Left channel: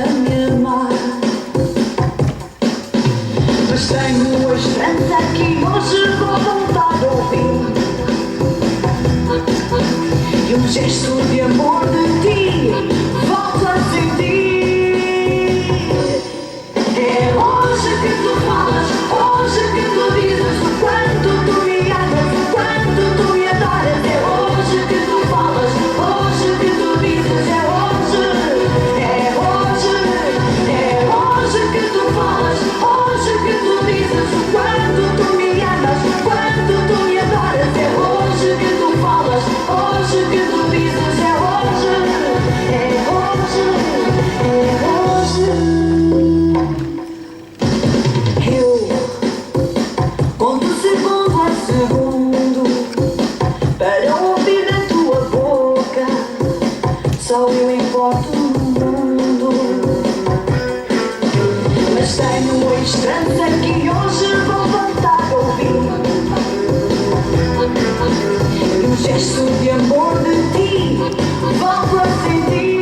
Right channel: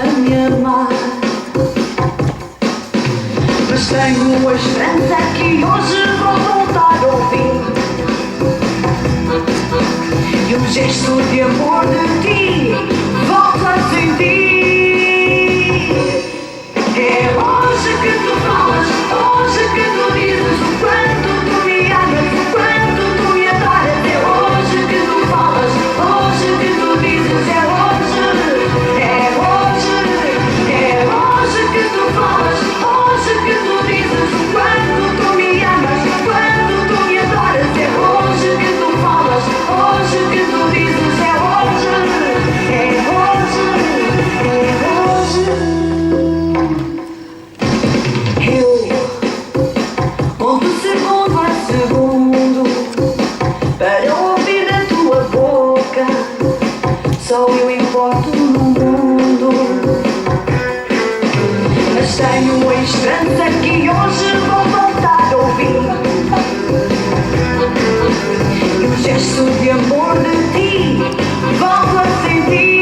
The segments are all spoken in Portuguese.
a me amar. Mas tenho a esperança que hoje vou voltar a ouvir e um gesto de amor de ti volto a sentir. É hoje que tu falas, hoje que tu dizes o quanto tu me amas, o quanto tu me adoras. É hoje que tu falas, hoje que tu dizes. É hoje, é hoje, é hoje que tu falas, hoje que tu dizes o quanto tu me amas, o quanto tu me adoras. É hoje que tu falas, hoje que tu dizes. É hoje, é hoje, é hoje. Conto segundo a segundo para ouvir da tua boca. Só eu importo no mundo. Mas tenho a esperança que hoje vou voltar a ouvir e um gesto de amor de ti volto a sentir.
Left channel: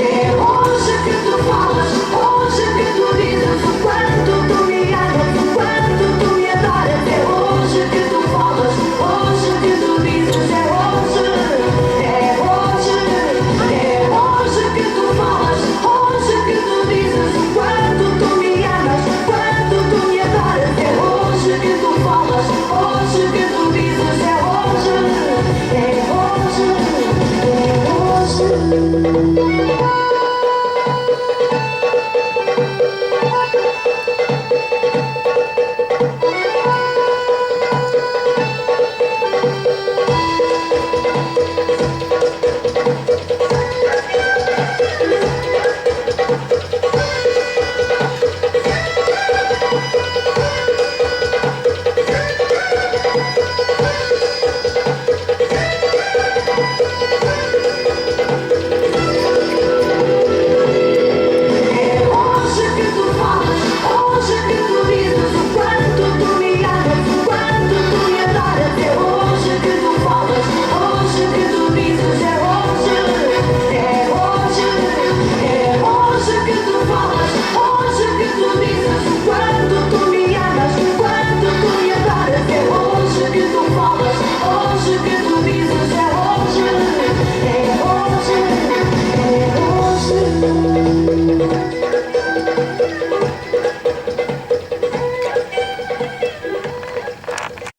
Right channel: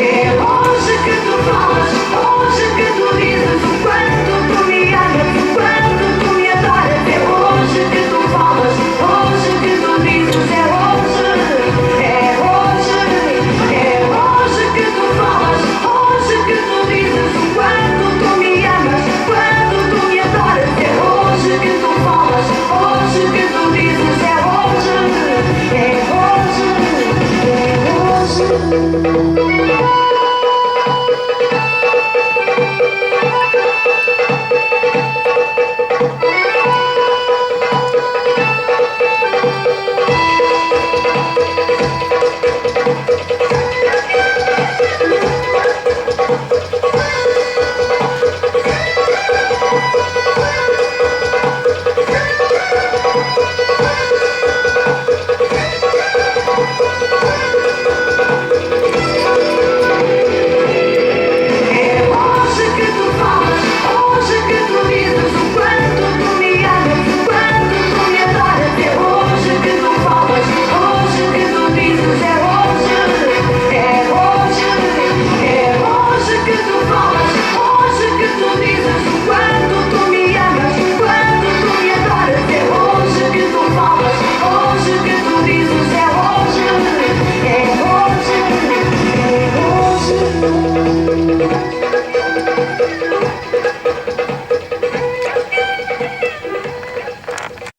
É hoje que tu falas, hoje que tu dizes o quanto tu me amas, o quanto tu me adoras. É hoje que tu falas, hoje que tu dizes. É hoje, é hoje, é hoje que tu falas, hoje que tu dizes o quanto tu me amas, o quanto tu me adoras. É hoje que tu falas, hoje que tu dizes. É hoje, é hoje, é hoje.